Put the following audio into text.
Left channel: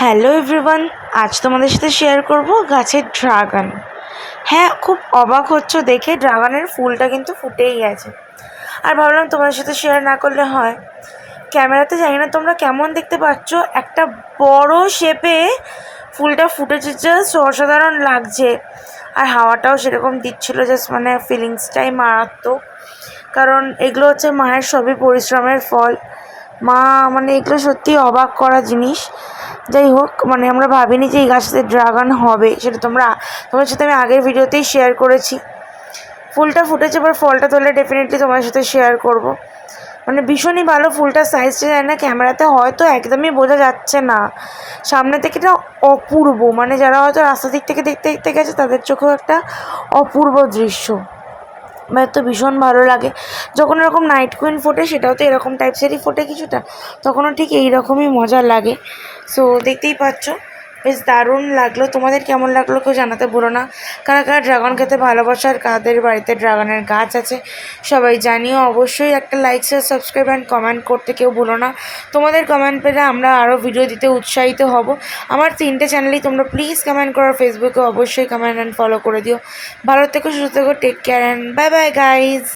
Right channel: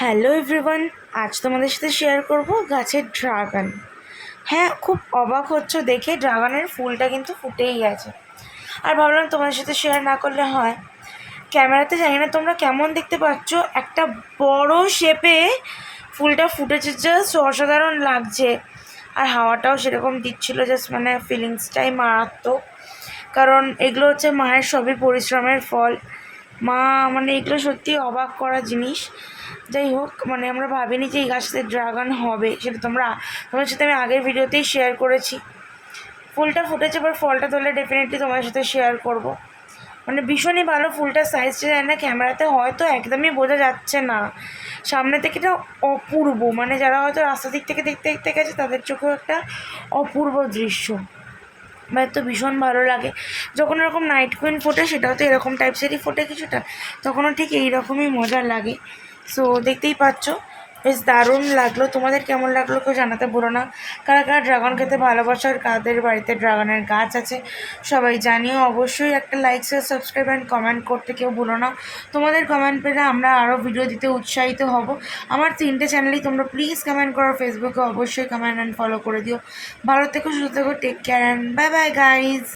Hello everyone, আজ তোমাদের সাথে শেয়ার করব গাছের ড্রাগন হ্যাঁ খুব অবাক হচ্ছ দেখে ড্রাগনের ফুলটা কিন্তু ফুটেই গেছে। আর ভাবলাম তোমাদের সাথে শেয়ার না করলে হয়। ক্যামেরাতে জানি না তোমরা কেমন দেখতে পাচ্ছ, একটা বড় শেপে ফুলটা ফুটেছে জাস্ট অসাধারণ লাগছে। আর হাওয়াটাও সেরকম দিচ্ছিল জাস্ট মানে ফিলিংসটাই মারাত্মক। কারণ এগুলো হচ্ছে মায়ের সবই পরিশ্রমের ফল। মা মানে এগুলো সত্যি অবাক করা জিনিস। যাই হোক মানে আমরা ভাবিনি যে এই গাছটাতে ড্রাগন হবে, সেটা তোমরা তোমার সাথে আমি আগের ভিডিওতেই শেয়ার করেছি। ফুলটা ফুটেছে, এবার ফলটা তোলে ডেফিনেটলি তোমার সাথে শেয়ার করব। মানে ভীষণই ভালো ফুলটার সাইজটা জানি না ক্যামেরাতে হয়তো একদমই বোঝা যাচ্ছে না। সামনে থেকে এটা অপূর্ব মানে যারা হয়তো রাস্তা দিক থেকে দেখতে দেখতে গেছে, তাদের চোখেও একটা অপূর্ব দৃশ্য। আমার তো ভীষণ ভালো লাগে। যখন এরকম নাইট কুইন ফোটে, সেটাও তো এরকম টাইপসেরই ফোটে কিছুটা, তখনও ঠিক এই রকমই মজা লাগে। সো দেখতেই পাচ্ছ। বেশ দারুণ লাগল। তোমাদের কেমন লাগল কেউ জানাতে বলো না। কারা কারা ড্রাগন খেতে ভালোবাসে আর কাদের বাড়িতে ড্রাগনের গাছ আছে, সবাই জানিও। অবশ্যই একটা like share subscribe and comment করতে কেউ বলো না। তোমাদের কমেন্ট পেলে আমরা আরও ভিডিও দিতে উৎসাহিত হব। আমার তিনটে চ্যানেলেই তোমরা প্লিজ কমেন্ট করো। ফেসবুকে অবশ্যই কমেন্ট অ্যান্ড ফলো করে দিও। ভালো থেকো, সুস্থ থেকো take care and bye bye guys